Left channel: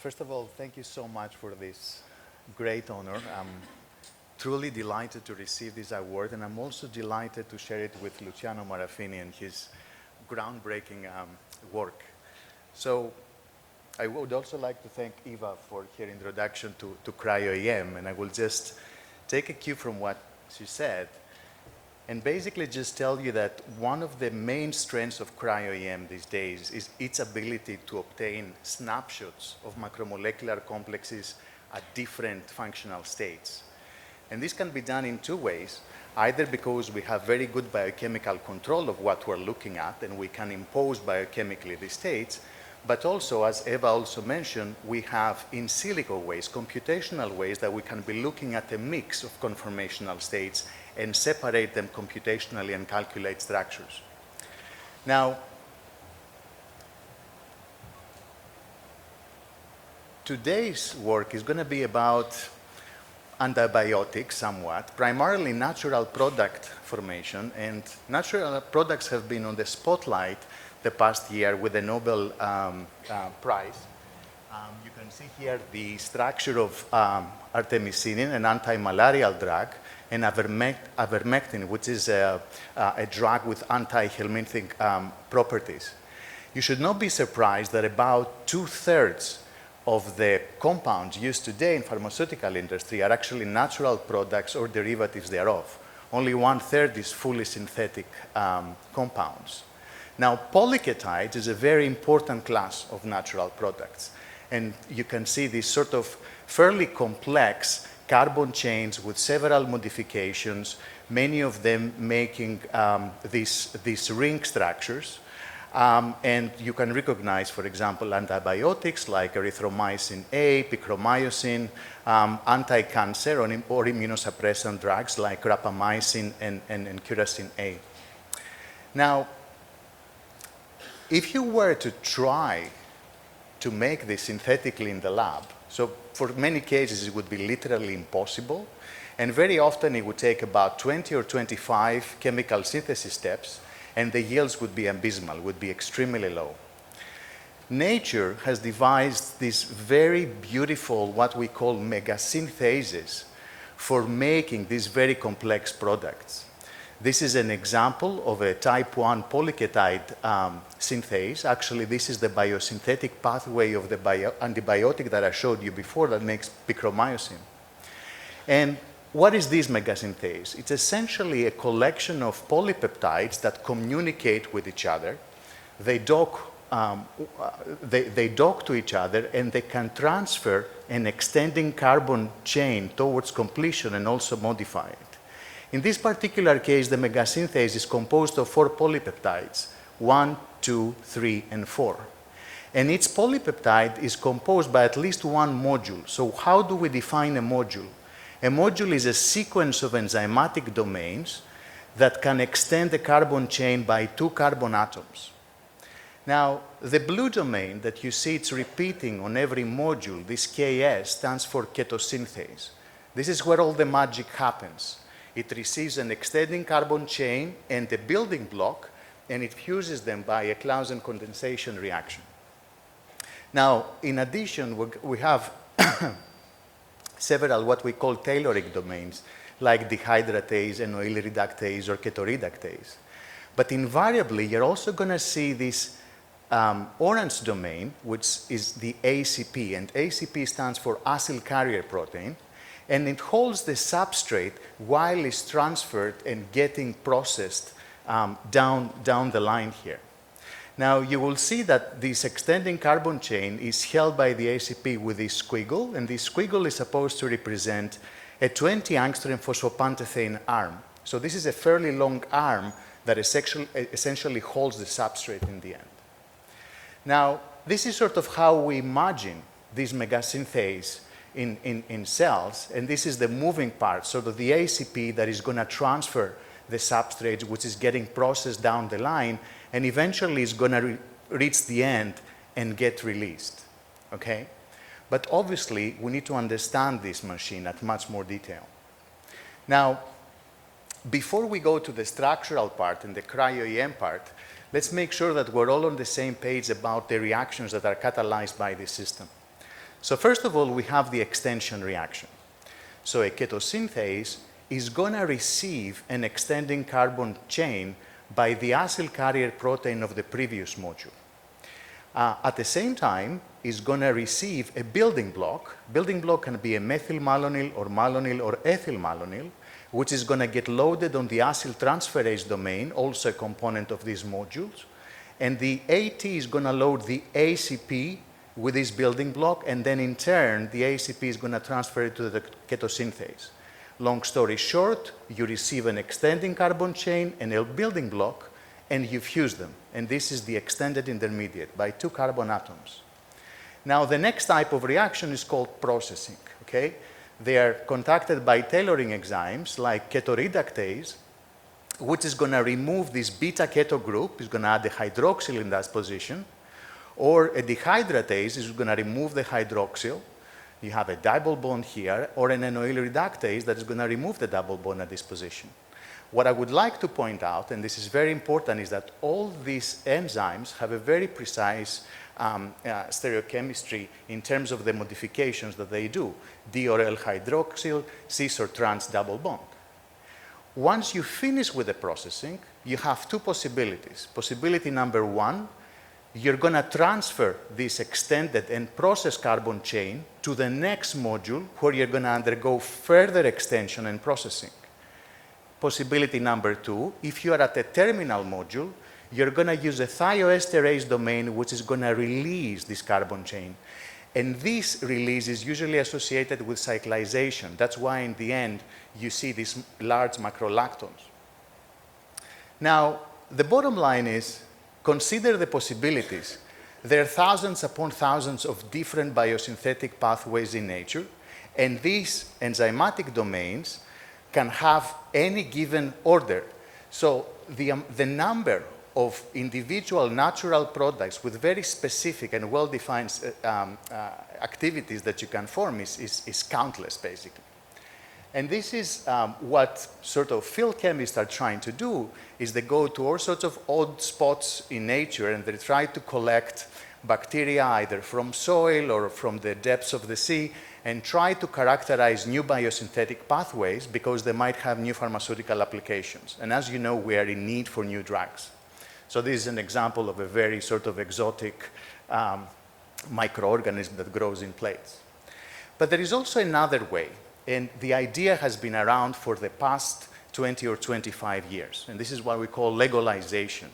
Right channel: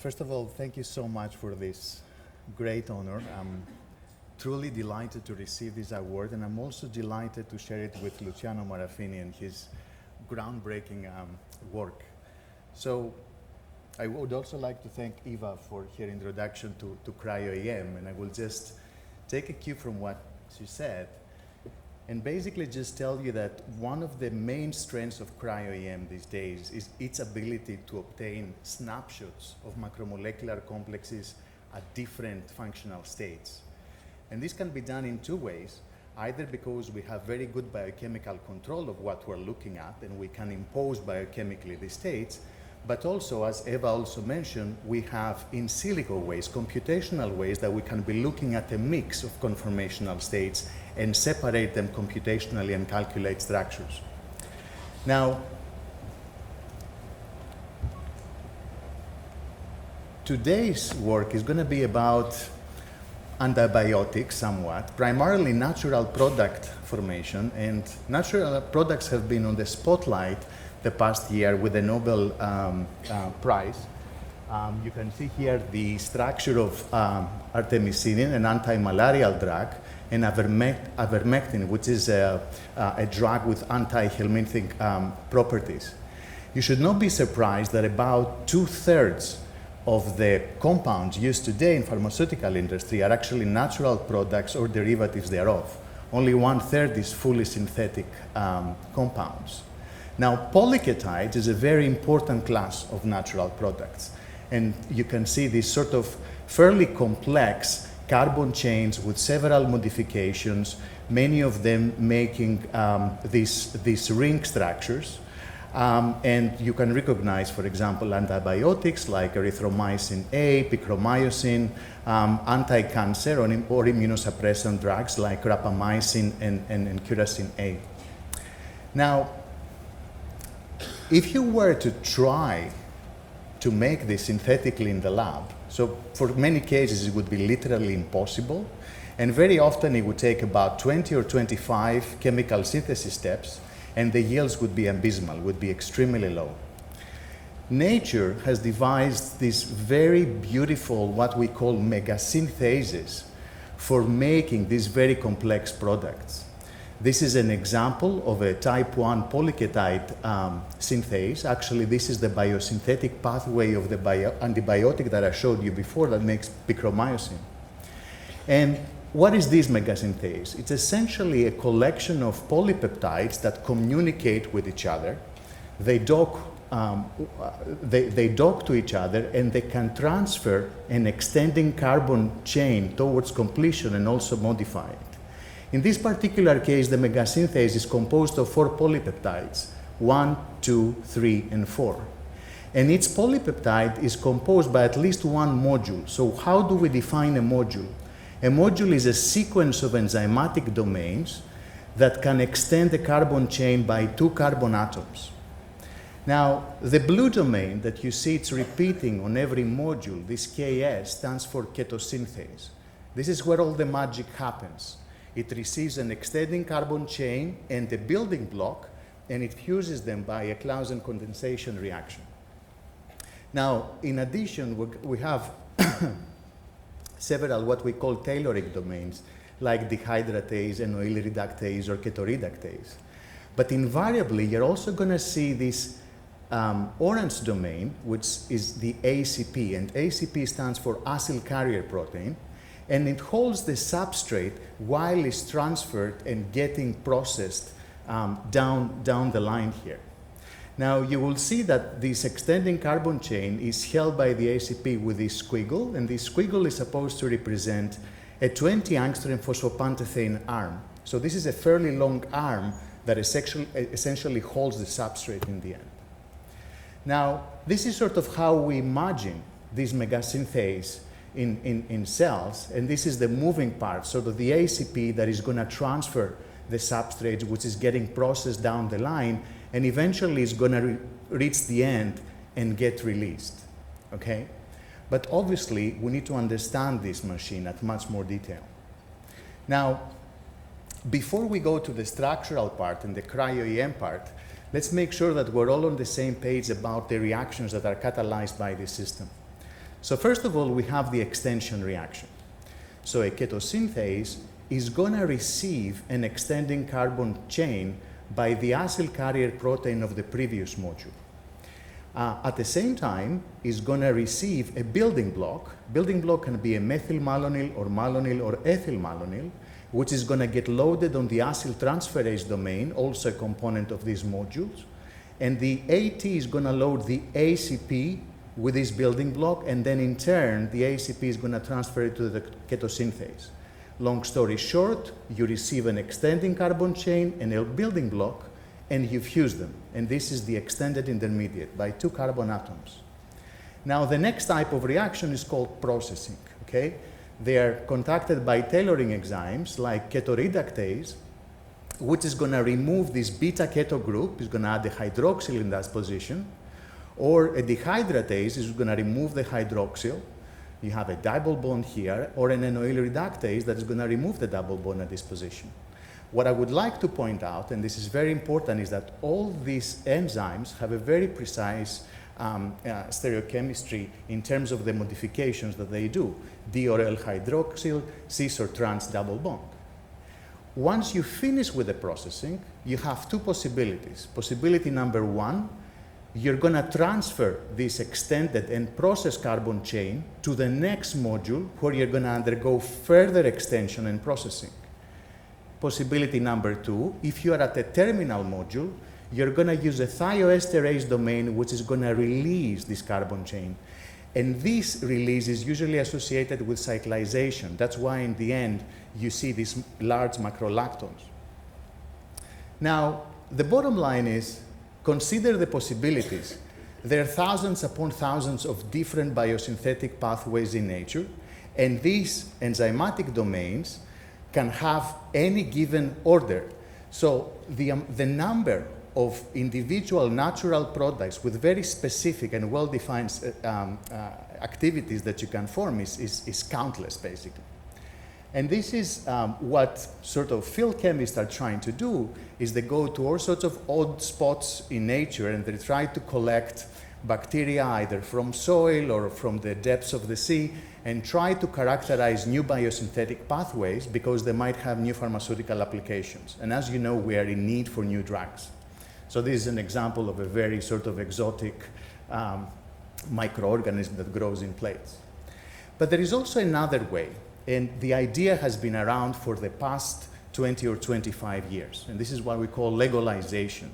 First of all, thank you so much for this great honor. I'm truly delighted to receive this award, and I'm also delighted to share it with Luciano Marafini and his groundbreaking work. So I would also like to thank Eva for her introduction to CryoEM, and I will just take a cue from what she said and basically just tell you that one of the main strengths of CryoEM these days is its ability to obtain snapshots of macromolecular complexes at different functional states. And this can be done in two ways, either because we have very good biochemical control of what we're looking at and we can impose biochemically these states, but also, as Eva also mentioned, we have in silico ways, computational ways that we can be looking at a mix of conformational states and separate them computationally and calculate structures. Now, today's work is going to be about antibiotics somewhat, primarily natural product formation, and natural products have been on the spotlight the past year with the Nobel Prize. You can see here the structure of artemisinin, an anti-malarial drug, and ivermectin, which is a drug with anti-helminthic properties. You should not be surprised that about 2/3 of the compounds used today in pharmaceutical industry are actually natural products or derivatives thereof. Only 1/3 is fully synthetic compounds. Now, polyketides is a very important class of natural products. And you can see these sort of fairly complex carbon chains with several modifications, many of them making these ring structures. And you can recognize, for example, antibiotics like erythromycin A, picromycin, anti-cancer or immunosuppressant drugs like rapamycin and curacin A. Now, if you were to try to make this synthetically in the lab, so for many cases it would be literally impossible, and very often it would take about 20 or 25 chemical synthesis steps, and the yields would be abysmal, would be extremely low. Nature has devised this very beautiful, what we call megasynthesis, for making these very complex products. This is an example of a type 1 polyketide synthase. Actually, this is the biosynthetic pathway of the antibiotic that I showed you before that makes picromycin. And what is this megasynthase? It's essentially a collection of polypeptides that communicate with each other. They dock to each other, and they can transfer an extending carbon chain towards completion and also modify it. In this particular case, the megasynthase is composed of 4 polypeptides, 1, 2, 3, and 4. And each polypeptide is composed by at least one module. So how do we define a module? A module is a sequence of enzymatic domains that can extend the carbon chain by 2 carbon atoms. Now, the blue domain that you see it's repeating on every module, this Ks, stands for ketosynthase. This is where all the magic happens. It receives an extending carbon chain and a building block, and it fuses them by a Clausen condensation reaction. Now, in addition, we have several what we call tailoring domains, like dehydratase, NOEL reductase, or ketoreductase. But invariably, you're also going to see this orange domain, which is the ACP, and ACP stands for acyl carrier protein, and it holds the substrate while it's transferred and getting processed down the line here. Now, you will see that this extending carbon chain is held by the ACP with this squiggle, and this squiggle is supposed to represent a 20 angstrom phosphopantothane arm. So this is a fairly long arm that essentially holds the substrate in the end. Now, this is sort of how we imagine this megasynthase in cells, and this is the moving part, sort of the ACP that is going to transfer the substrate, which is getting processed down the line, and eventually is going to reach the end and get released, okay? But obviously, we need to understand this machine at much more detail. Now, before we go to the structural part and the cryo-EM part, let's make sure that we're all on the same page about the reactions that are catalyzed by this system. So first of all, we have the extension reaction. So a ketosynthase is going to receive an extending carbon chain by the acyl carrier protein of the previous module. At the same time, is going to receive a building block. Building block can be a methylmalonyl or ethyl malonyl, which is going to get loaded on the acyl transferase domain, also a component of these modules. And the AT is going to load the ACP with this building block, and then in turn, the ACP is going to transfer it to the ketosynthase. Long story short, you receive an extending carbon chain and a building block, and you fuse them. And this is the extended intermediate by 2 carbon atoms. Now, the next type of reaction is called processing, okay? They are conducted by tailoring enzymes like ketoreductase, which is going to remove this beta-keto group, is going to add a hydroxyl in that position, or a dehydratase is going to remove the hydroxyl. You have a double bond here, or an enoyl reductase that is going to remove the double bond at this position. What I would like to point out, and this is very important, is that all these enzymes have a very precise stereochemistry in terms of the modifications that they do, D or L hydroxyl, cis or trans double bond. Once you finish with the processing, you have 2 possibilities. Possibility number 1, you're going to transfer this extended and processed carbon chain to the next module where you're going to undergo further extension and processing. Possibility number 2, if you are at a terminal module, you're going to use a thioesterase domain which is going to release this carbon chain. And this release is usually associated with cyclization. That's why in the end you see these large macrolactones. Now, the bottom line is, consider the possibilities. There are thousands upon thousands of different biosynthetic pathways in nature, and these enzymatic domains can have any given order. So the number of individual natural products with very specific and well-defined activities that you can form is countless, basically. And this is what sort of field chemists are trying to do, is they go to all sorts of odd spots in nature and they try to collect bacteria either from soil or from the depths of the sea and try to characterize new biosynthetic pathways because they might have new pharmaceutical applications. And as you know, we are in need for new drugs. So this is an example of a very sort of exotic microorganism that grows in plates. But there is also another way, and the idea has been around for the past 20 or 25 years, and this is what we call legalization.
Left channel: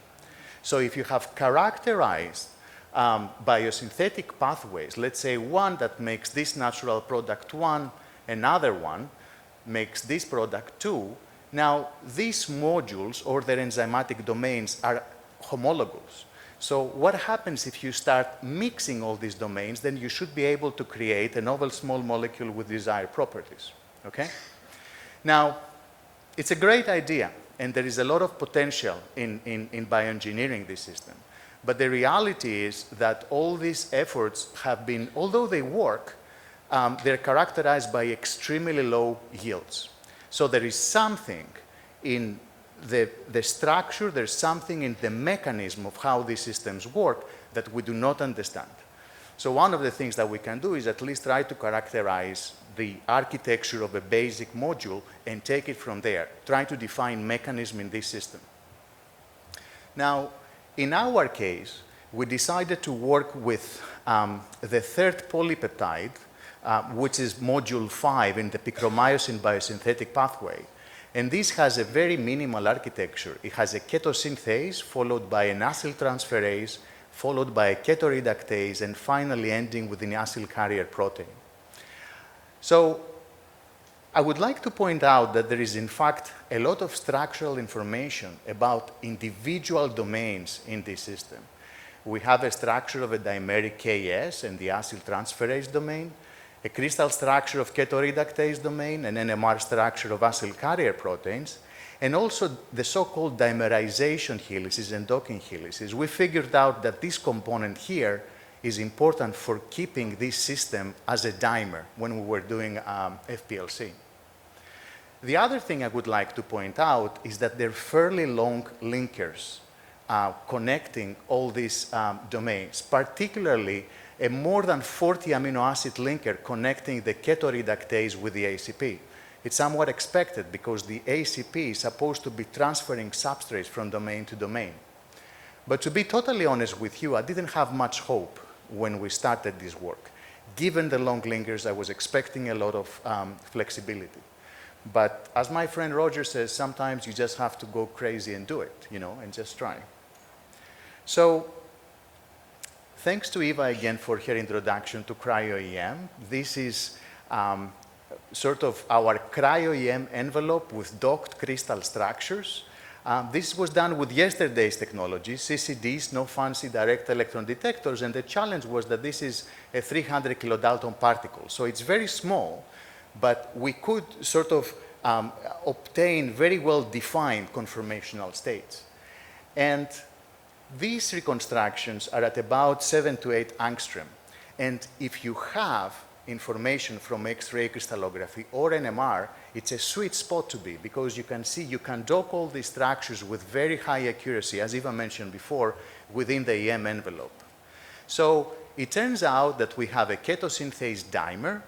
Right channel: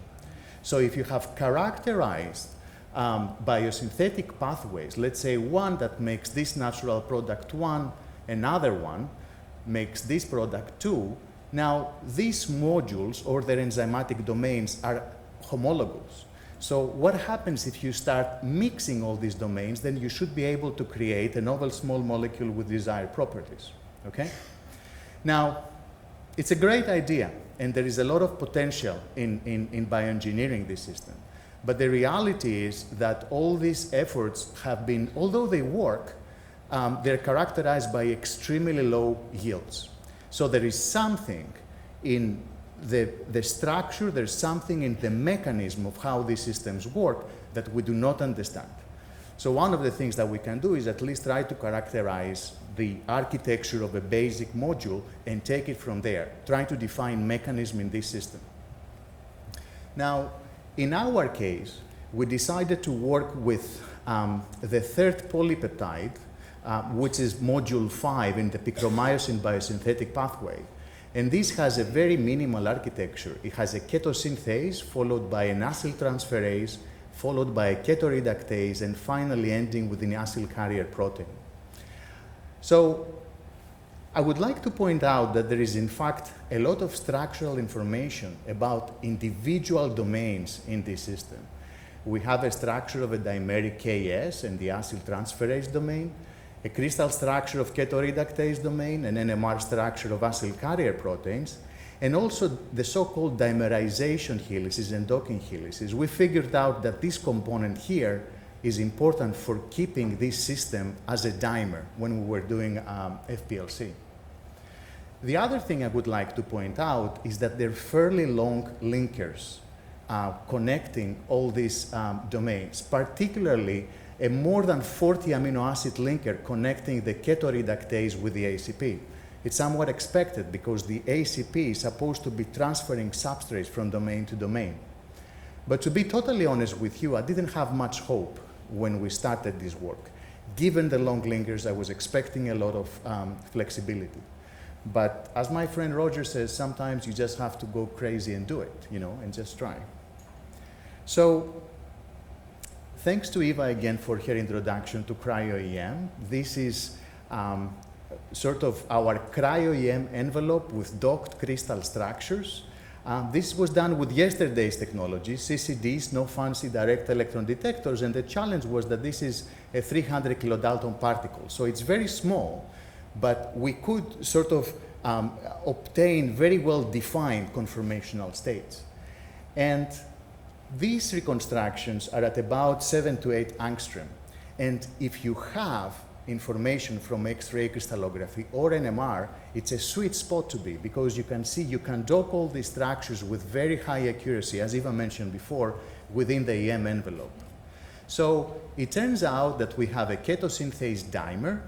So if you have characterized biosynthetic pathways, let's say one that makes this natural product 1, another one makes this product 2, now these modules or their enzymatic domains are homologous. So what happens if you start mixing all these domains, then you should be able to create a novel small molecule with desired properties, okay? Now, it's a great idea, and there is a lot of potential in bioengineering this system. But the reality is that all these efforts have been, although they work, they're characterized by extremely low yields. So there is something in the structure, there's something in the mechanism of how these systems work that we do not understand. So one of the things that we can do is at least try to characterize the architecture of a basic module and take it from there, try to define mechanism in this system. Now, in our case, we decided to work with the third polypeptide, which is module 5 in the picromycin biosynthetic pathway. And this has a very minimal architecture. It has a ketosynthase followed by an acyl transferase, followed by a ketoreductase, and finally ending with an acyl carrier protein. So I would like to point out that there is, in fact, a lot of structural information about individual domains in this system. We have a structure of a dimeric Ks and the acyl transferase domain, a crystal structure of ketoreductase domain, an NMR structure of acyl carrier proteins, and also the so-called dimerization helices and docking helices. We figured out that this component here is important for keeping this system as a dimer when we were doing FPLC. The other thing I would like to point out is that they're fairly long linkers connecting all these domains, particularly a more than 40 amino acid linker connecting the ketoreductase with the ACP. It's somewhat expected because the ACP is supposed to be transferring substrates from domain to domain. But to be totally honest with you, I didn't have much hope when we started this work. Given the long linkers, I was expecting a lot of flexibility. But as my friend Roger says, sometimes you just have to go crazy and do it, you know, and just try. So thanks to Eva again for her introduction to CryoEM. This is sort of our CryoEM envelope with docked crystal structures. This was done with yesterday's technology, CCDs, no fancy direct electron detectors, and the challenge was that this is a 300 kilodalton particle. So it's very small, but we could sort of obtain very well-defined conformational states. And these reconstructions are at about 7 to 8 angstrom. And if you have information from X-ray crystallography or NMR, it's a sweet spot to be, because you can see you can dock all these structures with very high accuracy, as Eva mentioned before, within the EM envelope. So it turns out that we have a ketosynthase dimer,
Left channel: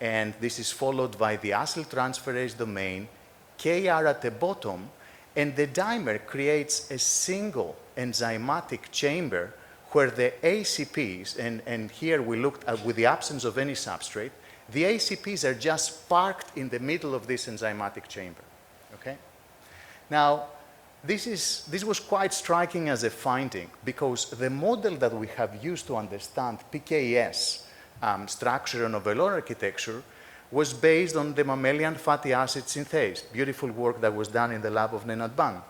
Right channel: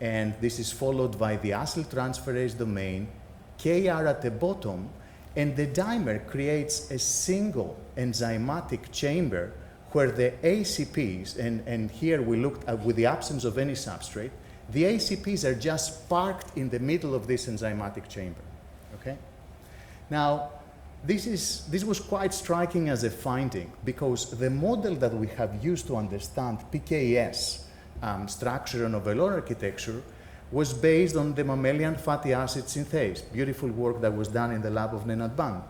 and this is followed by the acyltransferase domain, KR at the bottom, and the dimer creates a single enzymatic chamber where the ACPs, and here we looked at with the absence of any substrate, the ACPs are just parked in the middle of this enzymatic chamber, okay? Now, this was quite striking as a finding, because the model that we have used to understand PKS structure and overall architecture was based on the mammalian fatty acid synthase, beautiful work that was done in the lab of Nenad Ban.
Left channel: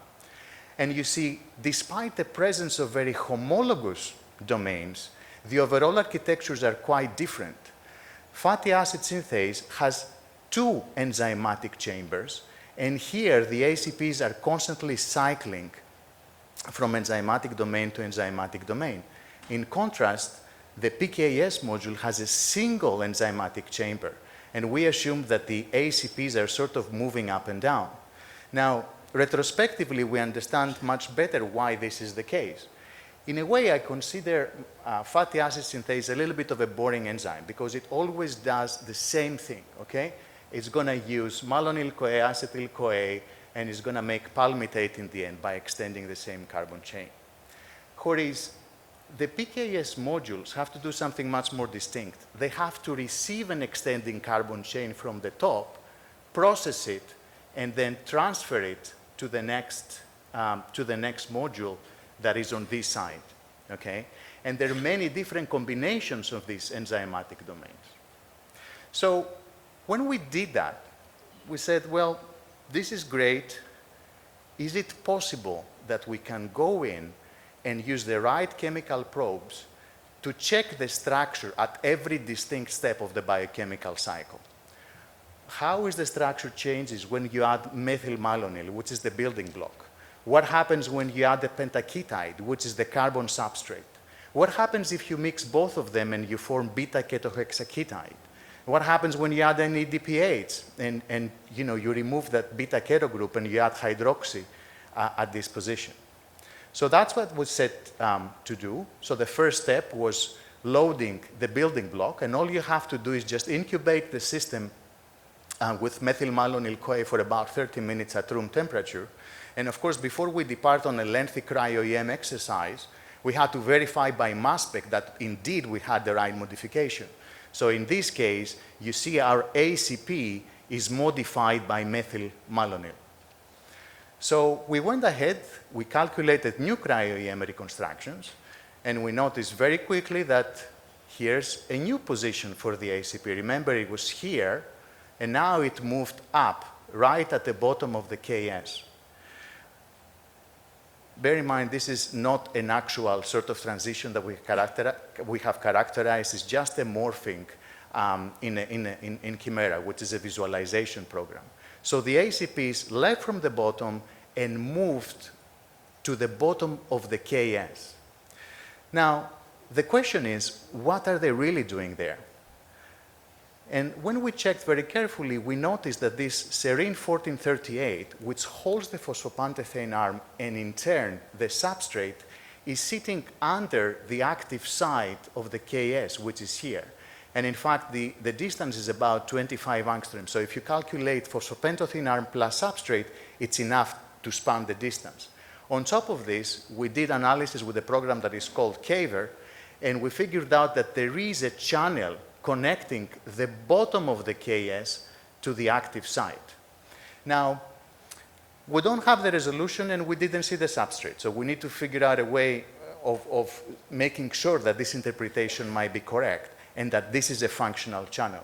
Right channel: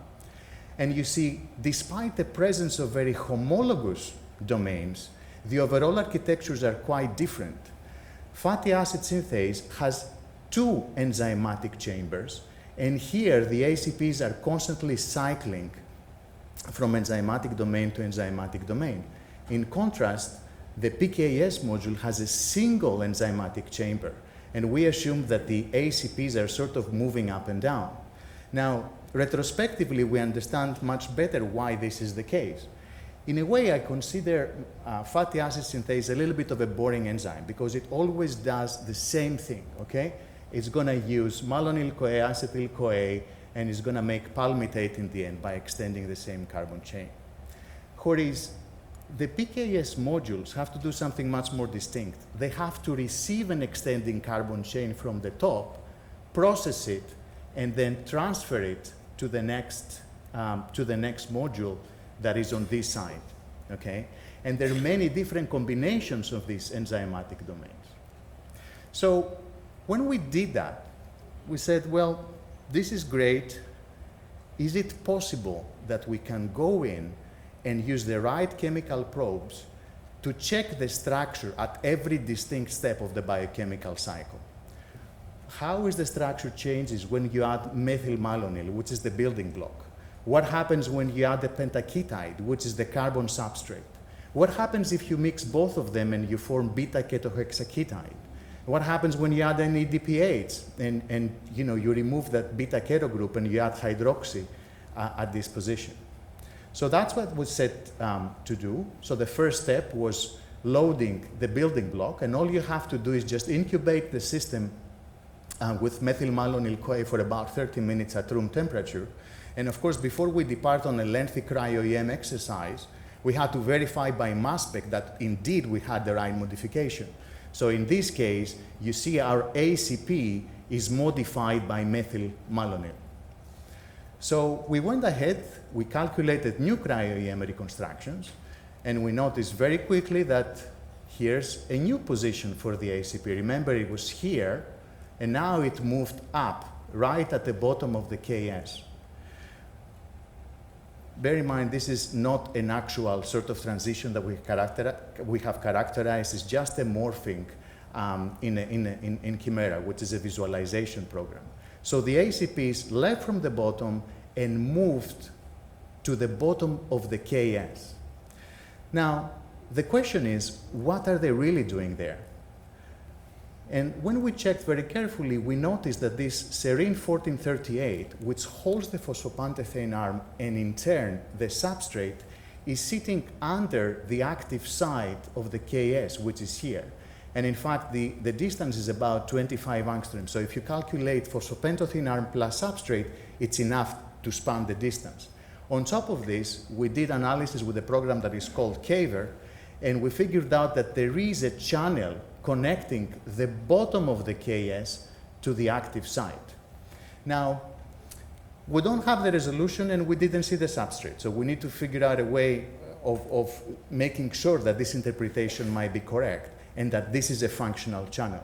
And you see, despite the presence of very homologous domains, the overall architectures are quite different. Fatty acid synthase has 2 enzymatic chambers, and here the ACPs are constantly cycling from enzymatic domain to enzymatic domain. In contrast, the PKS module has a single enzymatic chamber, and we assume that the ACPs are sort of moving up and down. Now, retrospectively, we understand much better why this is the case. In a way, I consider fatty acid synthase a little bit of a boring enzyme, because it always does the same thing, okay? It's gonna use malonyl-CoA, acetyl-CoA, and it's gonna make palmitate in the end by extending the same carbon chain. Whereas the PKS modules have to do something much more distinct. They have to receive an extending carbon chain from the top, process it, and then transfer it to the next module that is on this side, okay? And there are many different combinations of these enzymatic domains. So when we did that, we said, well, this is great. Is it possible that we can go in and use the right chemical probes to check the structure at every distinct step of the biochemical cycle? How is the structure changes when you add methylmalonyl, which is the building block? What happens when you add the pentaketide, which is the carbon substrate? What happens if you mix both of them and you form beta-ketohexaketide? What happens when you add an EDPH and you know, you remove that beta-keto group and you add hydroxy at this position? So that's what was set to do. So the first step was loading the building block, and all you have to do is just incubate the system with methylmalonyl-CoA for about 30 minutes at room temperature. And of course, before we depart on a lengthy CryoEM exercise, we had to verify by mass spec that indeed we had the right modification. So in this case, you see our ACP is modified by methylmalonyl. So we went ahead, we calculated new CryoEM reconstructions, and we noticed very quickly that here's a new position for the ACP. Remember, it was here, and now it moved up, right at the bottom of the KS. Bear in mind, this is not an actual sort of transition that we have characterized. It's just a morphing in Chimera, which is a visualization program. So the ACPs left from the bottom and moved to the bottom of the KS. Now, the question is, what are they really doing there? And when we checked very carefully, we noticed that this serine 1438, which holds the phosphopantothane arm and in turn the substrate, is sitting under the active site of the KS, which is here. And in fact, the distance is about 25 angstroms. So if you calculate phosphopentotene arm plus substrate, it's enough to span the distance. On top of this, we did analysis with a program that is called Caver, and we figured out that there is a channel connecting the bottom of the KS to the active site. Now, we don't have the resolution and we didn't see the substrate, so we need to figure out a way of making sure that this interpretation might be correct and that this is a functional channel.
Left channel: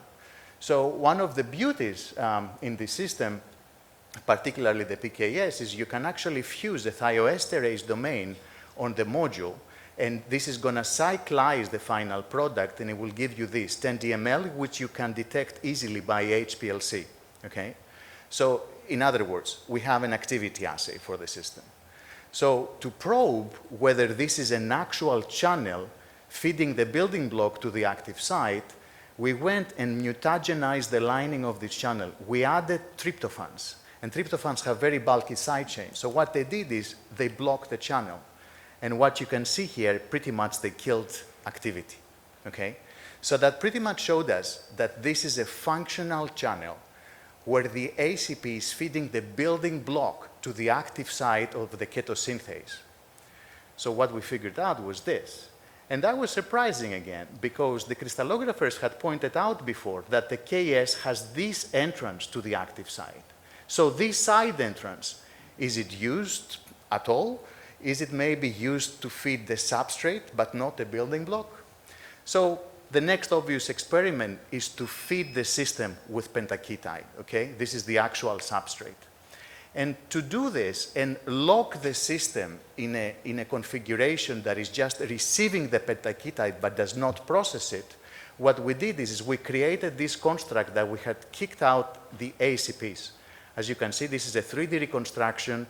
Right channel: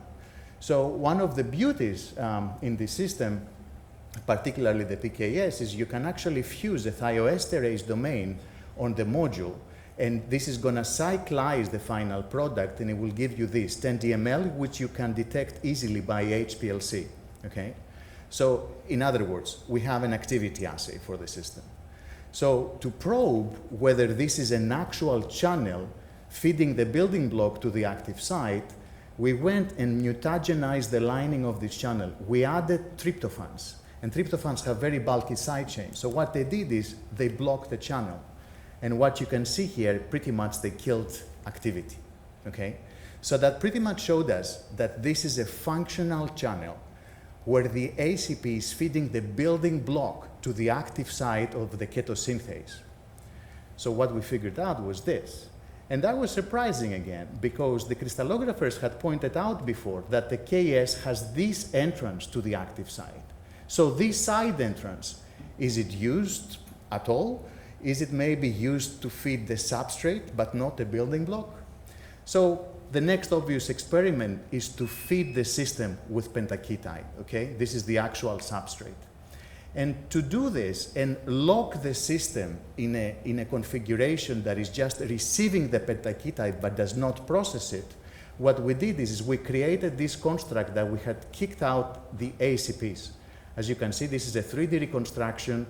So one of the beauties in the system, particularly the PKS, is you can actually fuse the thioesterase domain on the module, and this is going to cyclize the final product, and it will give you this 10 DML, which you can detect easily by HPLC. Okay? So in other words, we have an activity assay for the system. So to probe whether this is an actual channel feeding the building block to the active site, we went and mutagenized the lining of this channel. We added tryptophans, and tryptophans have very bulky side chains. So what they did is they blocked the channel. And what you can see here, pretty much they killed activity. Okay? So that pretty much showed us that this is a functional channel where the ACP is feeding the building block to the active site of the ketosynthase. So what we figured out was this. And that was surprising again, because the crystallographers had pointed out before that the KS has this entrance to the active site. So this side entrance, is it used at all? Is it maybe used to feed the substrate but not the building block? So the next obvious experiment is to feed the system with pentaketide, okay? This is the actual substrate. And to do this and lock the system in a configuration that is just receiving the pentaketide but does not process it, what we did is we created this construct that we had kicked out the ACPs. As you can see, this is a 3D reconstruction.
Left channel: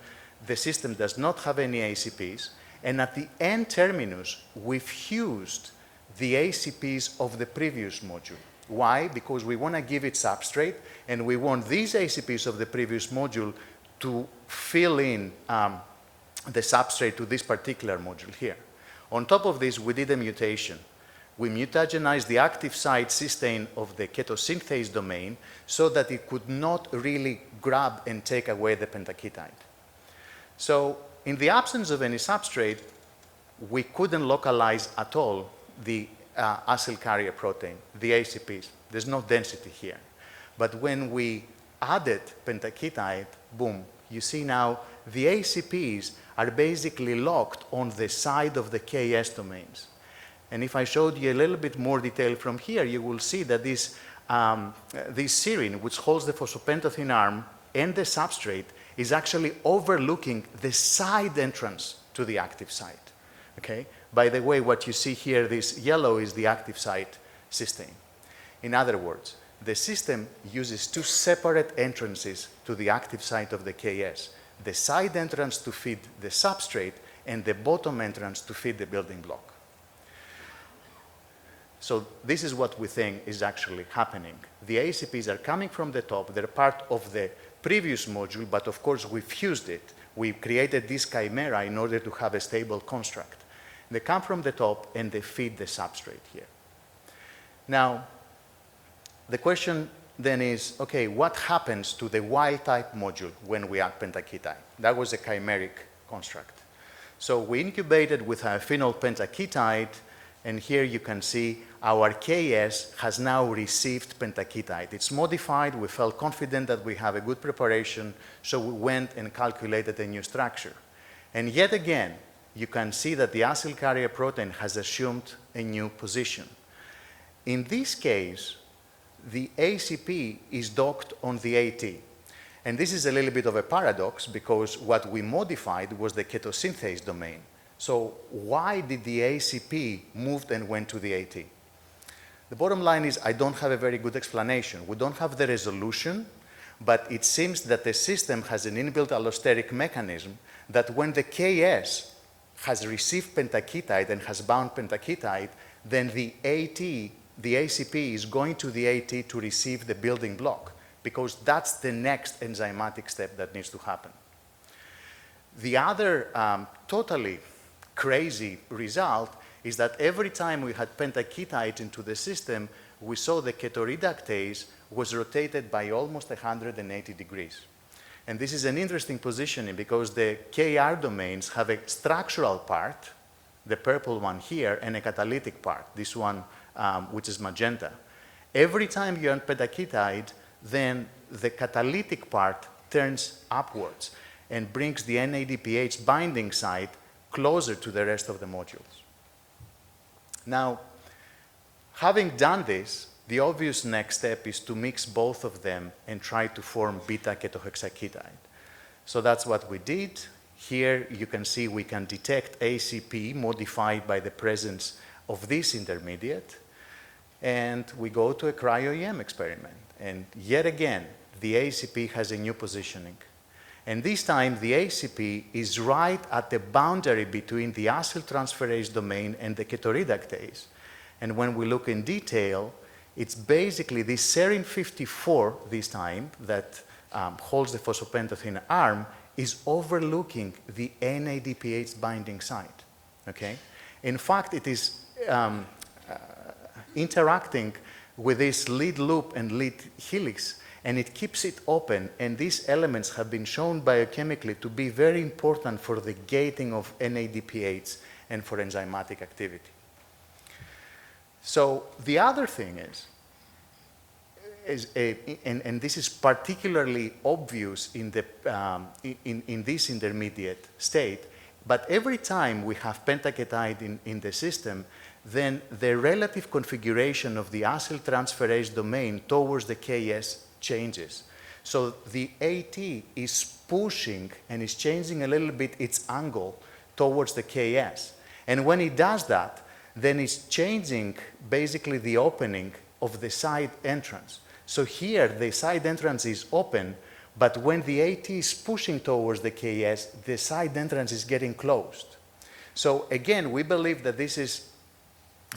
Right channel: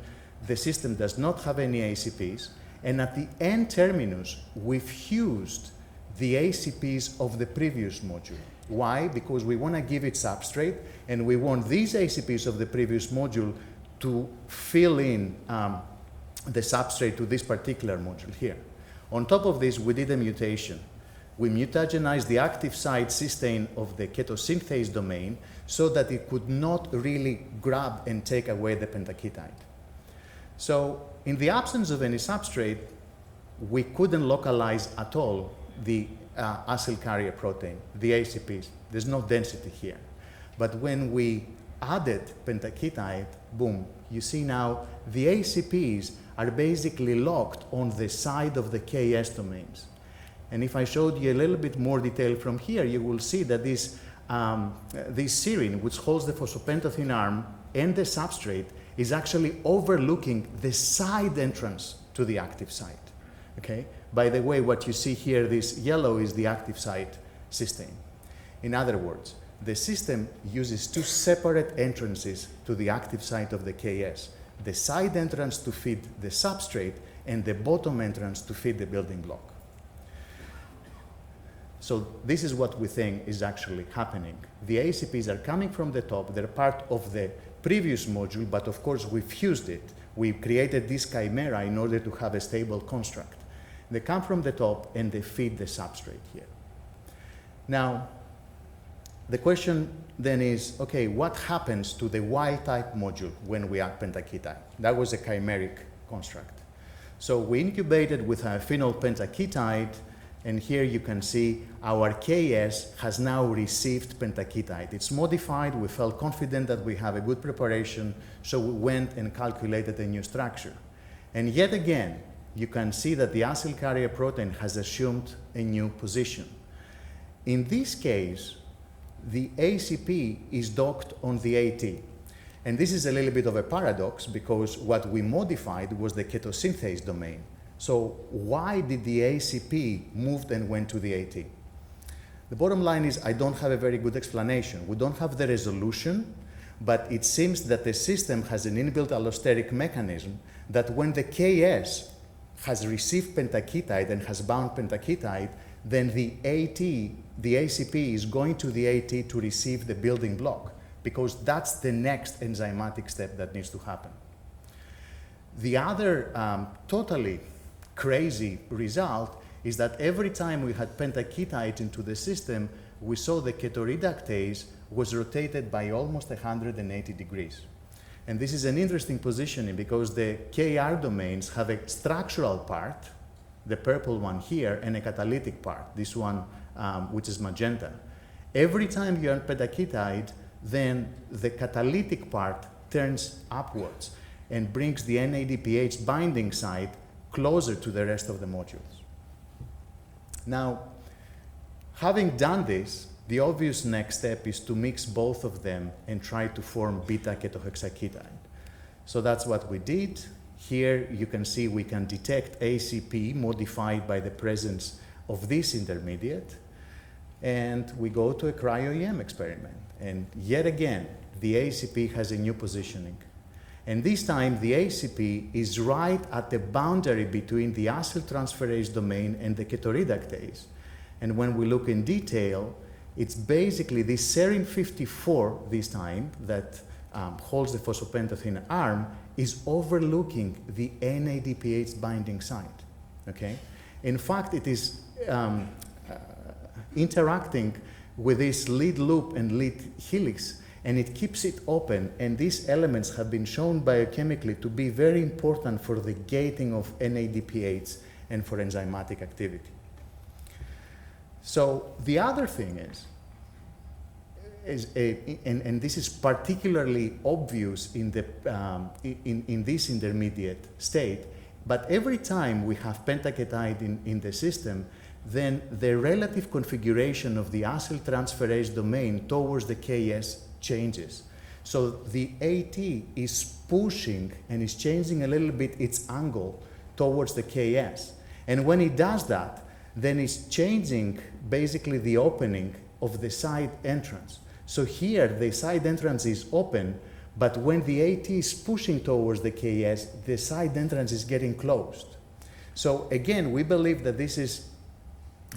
The system does not have any ACPs. And at the end terminus, we fused the ACPs of the previous module. Why? Because we want to give it substrate, and we want these ACPs of the previous module to fill in the substrate to this particular module here. On top of this, we did a mutation. We mutagenized the active site cysteine of the ketosynthase domain so that it could not really grab and take away the pentaketide. So in the absence of any substrate, we couldn't localize at all the acyl carrier protein, the ACPs. There's no density here. But when we added pentaketide, boom, you see now the ACPs are basically locked on the side of the KS domains. And if I showed you a little bit more detail from here, you will see that this serine, which holds the phosphopentotene arm and the substrate, is actually overlooking the side entrance to the active site. Okay? By the way, what you see here, this yellow, is the active site cysteine. In other words, the system uses two separate entrances to the active site of the KS. The side entrance to feed the substrate and the bottom entrance to feed the building block. So this is what we think is actually happening. The ACPs are coming from the top. They're part of the previous module, but of course we fused it. We created this chimera in order to have a stable construct. They come from the top and they feed the substrate here. Now, the question then is, okay, what happens to the Ytype module when we add pentaketide? That was a chimeric construct. So we incubated with a phenol pentaketide, and here you can see our KS has now received pentaketide. It's modified. We felt confident that we have a good preparation, so we went and calculated a new structure. And yet again, you can see that the acyl carrier protein has assumed a new position. In this case, the ACP is docked on the AT. And this is a little bit of a paradox, because what we modified was the ketosynthase domain. So why did the ACP move and went to the AT? The bottom line is I don't have a very good explanation. We don't have the resolution, but it seems that the system has an inbuilt allosteric mechanism that when the KS has received pentaketide and has bound pentaketide, then the AT, the ACP, is going to the AT to receive the building block, because that's the next enzymatic step that needs to happen. The other totally crazy result is that every time we had pentaketide into the system, we saw the ketoreductase was rotated by almost 180 degrees. And this is an interesting positioning because the KR domains have a structural part, the purple one here, and a catalytic part, this one which is magenta. Every time you add pentaketide, then the catalytic part turns upwards and brings the NADPH binding site closer to the rest of the modules. Now, having done this, the obvious next step is to mix both of them and try to form beta-ketohexaketide. So that's what we did. Here you can see we can detect ACP modified by the presence of this intermediate. And we go to a CryoEM experiment. And yet again, the ACP has a new positioning. And this time, the ACP is right at the boundary between the acyltransferase domain and the ketoreductase. And when we look in detail, it's basically this serine 54 this time that holds the phosphopentotene arm is overlooking the NADPH binding site, okay? In fact, it is interacting with this lead loop and lead helix, and it keeps it open, and these elements have been shown biochemically to be very important for the gating of NADPH and for enzymatic activity. So the other thing and this is particularly obvious in this intermediate state, but every time we have pentaketide in the system, then the relative configuration of the acyltransferase domain towards the KS changes. So the AT is pushing and is changing a little bit its angle towards the KS. And when it does that, then it's changing basically the opening of the side entrance. So here the side entrance is open, but when the AT is pushing towards the KS, the side entrance is getting closed. So again, we believe that this is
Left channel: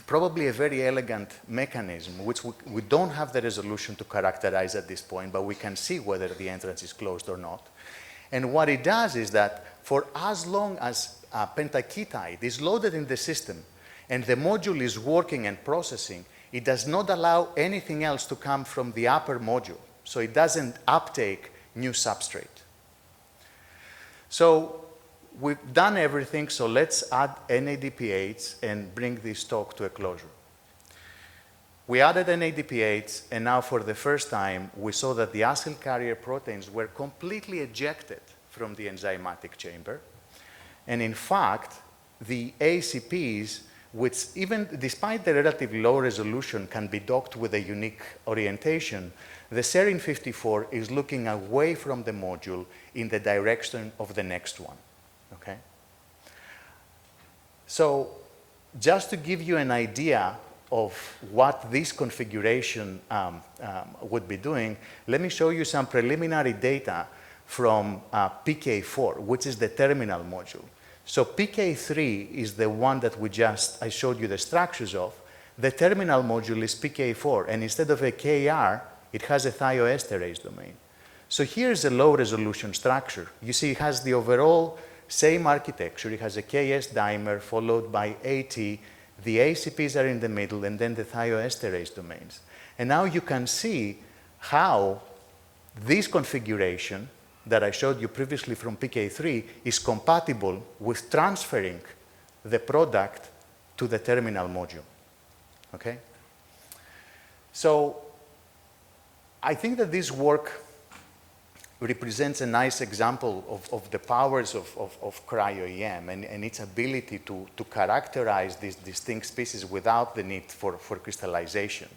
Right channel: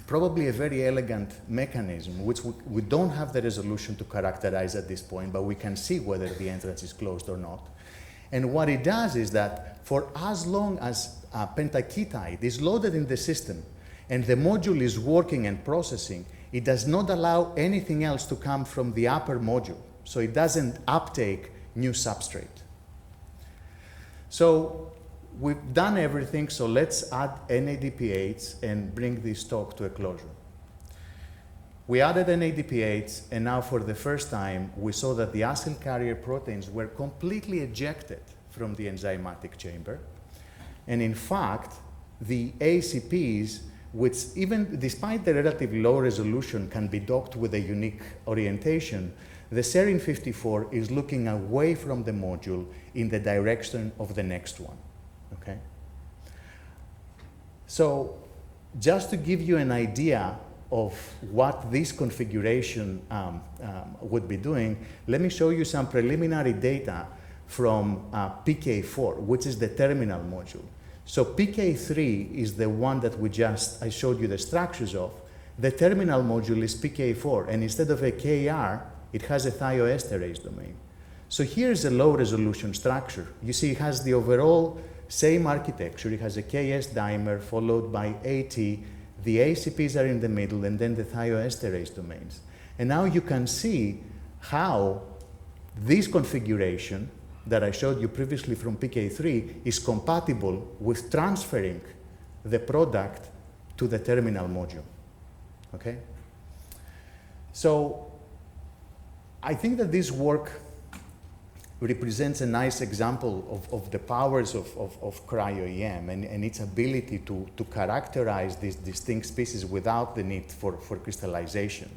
probably a very elegant mechanism, which we don't have the resolution to characterize at this point, but we can see whether the entrance is closed or not. And what it does is that for as long as pentaketide is loaded in the system and the module is working and processing, it does not allow anything else to come from the upper module. So it doesn't uptake new substrate. So we've done everything, so let's add NADPH and bring this talk to a closure. We added NADPH, and now for the first time, we saw that the acyl carrier proteins were completely ejected from the enzymatic chamber. And in fact, the ACPs, which even despite the relatively low resolution can be docked with a unique orientation, the serine 54 is looking away from the module in the direction of the next one. Okay? So just to give you an idea of what this configuration would be doing, let me show you some preliminary data from PK4, which is the terminal module. So PK3 is the one that I showed you the structures of. The terminal module is PK4, and instead of a KR, it has a thioesterase domain. So here's a low resolution structure. You see it has the overall same architecture. It has a KS dimer followed by AT. The ACPs are in the middle, and then the thioesterase domains. And now you can see how this configuration that I showed you previously from PK3 is compatible with transferring the product to the terminal module. Okay? So I think that this work represents a nice example of the powers of CryoEM and its ability to characterize these distinct species without the need for crystallization.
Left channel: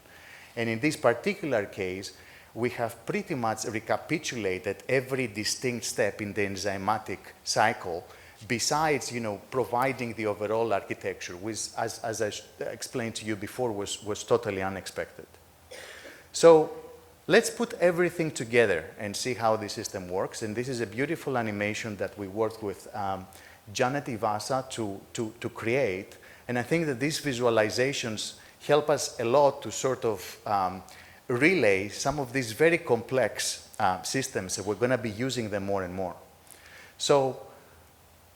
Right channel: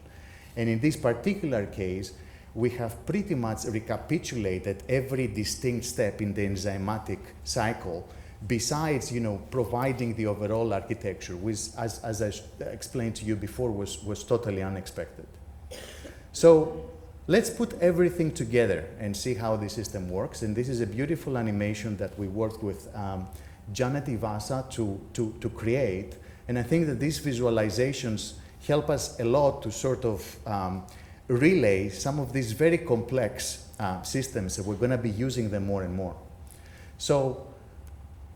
And in this particular case, we have pretty much recapitulated every distinct step in the enzymatic cycle, besides, providing the overall architecture, which, as I explained to you before, was totally unexpected. So let's put everything together and see how the system works. And this is a beautiful animation that we worked with Janet Ivasa to create. And I think that these visualizations help us a lot to sort of relay some of these very complex systems that we're going to be using them more and more. So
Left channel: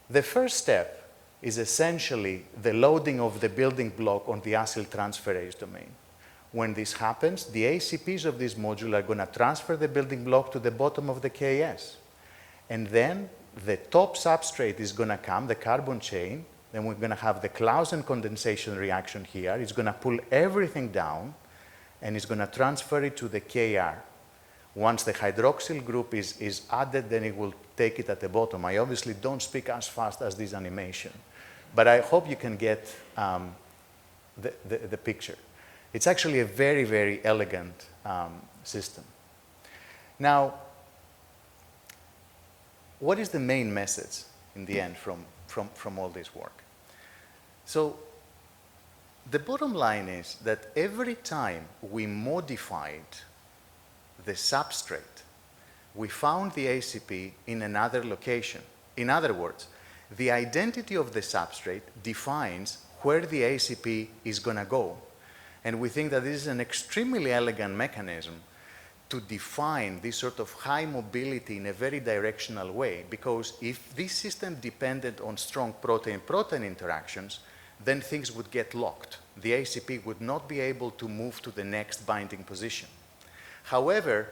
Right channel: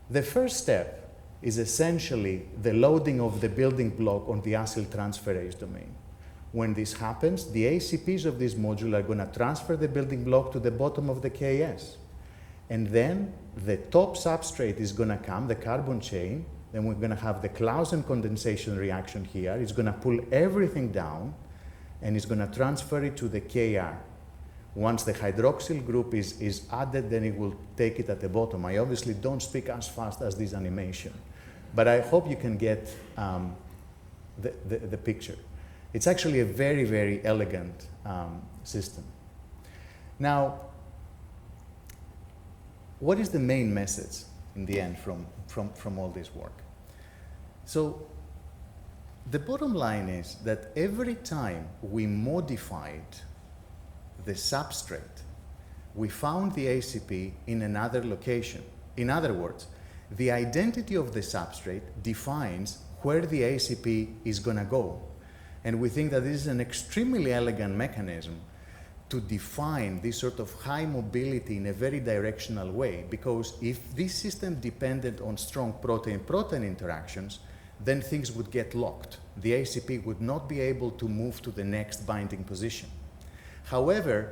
the first step is essentially the loading of the building block on the acyl transferase domain. When this happens, the ACPs of this module are going to transfer the building block to the bottom of the KS. And then the top substrate is going to come, the carbon chain. Then we're going to have the Clausen condensation reaction here. It's going to pull everything down, and it's going to transfer it to the KR. Once the hydroxyl group is added, then it will take it at the bottom. I obviously don't speak as fast as this animation, but I hope you can get the picture. It's actually a very, very elegant system. Now, what is the main message in the end from all this work? So the bottom line is that every time we modified the substrate, we found the ACP in another location. In other words, the identity of the substrate defines where the ACP is going to go. And we think that this is an extremely elegant mechanism to define this sort of high mobility in a very directional way, because if this system depended on strong protein-protein interactions, then things would get locked. The ACP would not be able to move to the next binding position. However,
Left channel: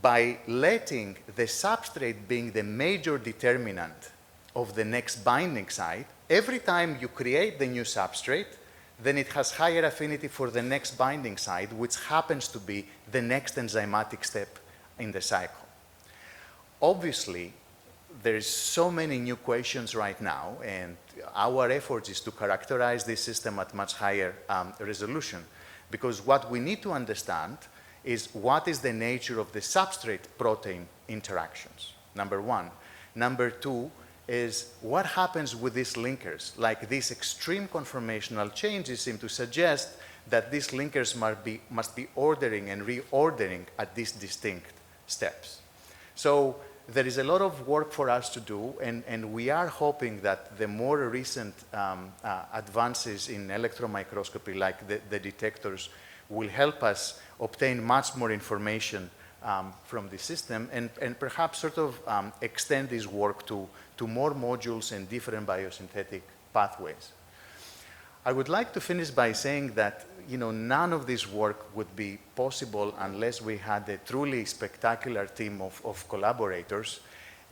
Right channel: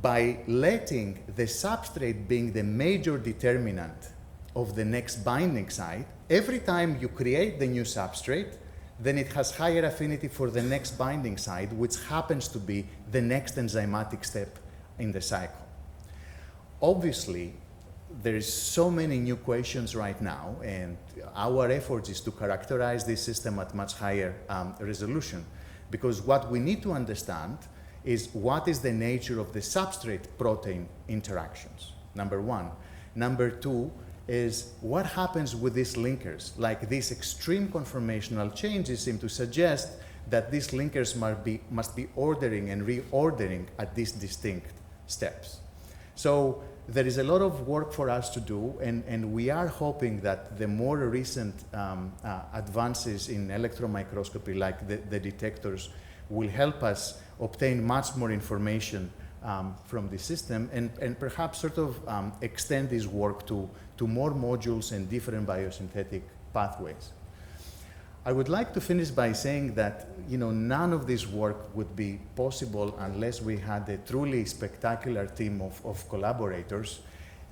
by letting the substrate being the major determinant of the next binding site, every time you create the new substrate, then it has higher affinity for the next binding site, which happens to be the next enzymatic step in the cycle. Obviously, there's so many new questions right now, and our effort is to characterize this system at much higher resolution, because what we need to understand is what is the nature of the substrate-protein interactions, number one. Number two is what happens with these linkers. Like, these extreme conformational changes seem to suggest that these linkers must be ordering and reordering at these distinct steps. So there is a lot of work for us to do, and we are hoping that the more recent advances in electron microscopy, like the detectors, will help us obtain much more information from the system, and perhaps sort of extend this work to more modules and different biosynthetic pathways. I would like to finish by saying that, you know, none of this work would be possible unless we had a truly spectacular team of collaborators.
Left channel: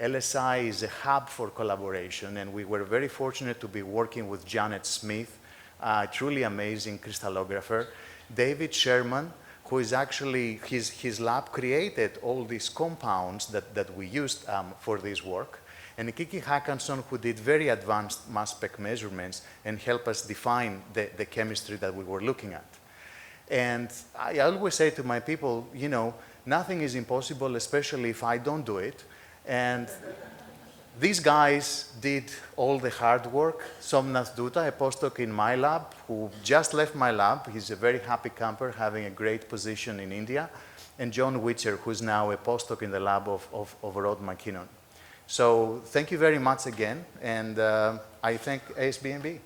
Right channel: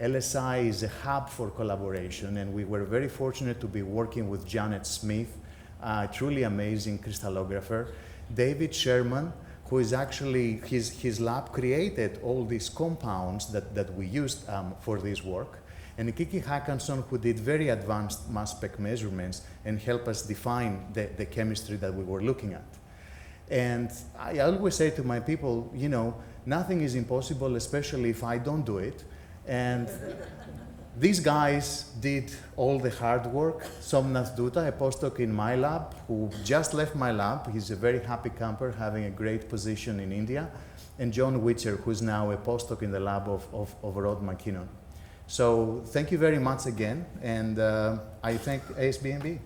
LSI is a hub for collaboration, and we were very fortunate to be working with Janet Smith, a truly amazing crystallographer, David Sherman, who is actually, his lab created all these compounds that we used for this work, and Kiki Hackanson, who did very advanced mass spec measurements and helped us define the chemistry that we were looking at. And I always say to my people, you know, nothing is impossible, especially if I don't do it. And these guys did all the hard work. Somnath Dutta, a postdoc in my lab, who just left my lab. He's a very happy camper, having a great position in India. And John Witcher, who's now a postdoc in the lab of Rod McKinnon. So thank you very much again, and I thank ASBMB.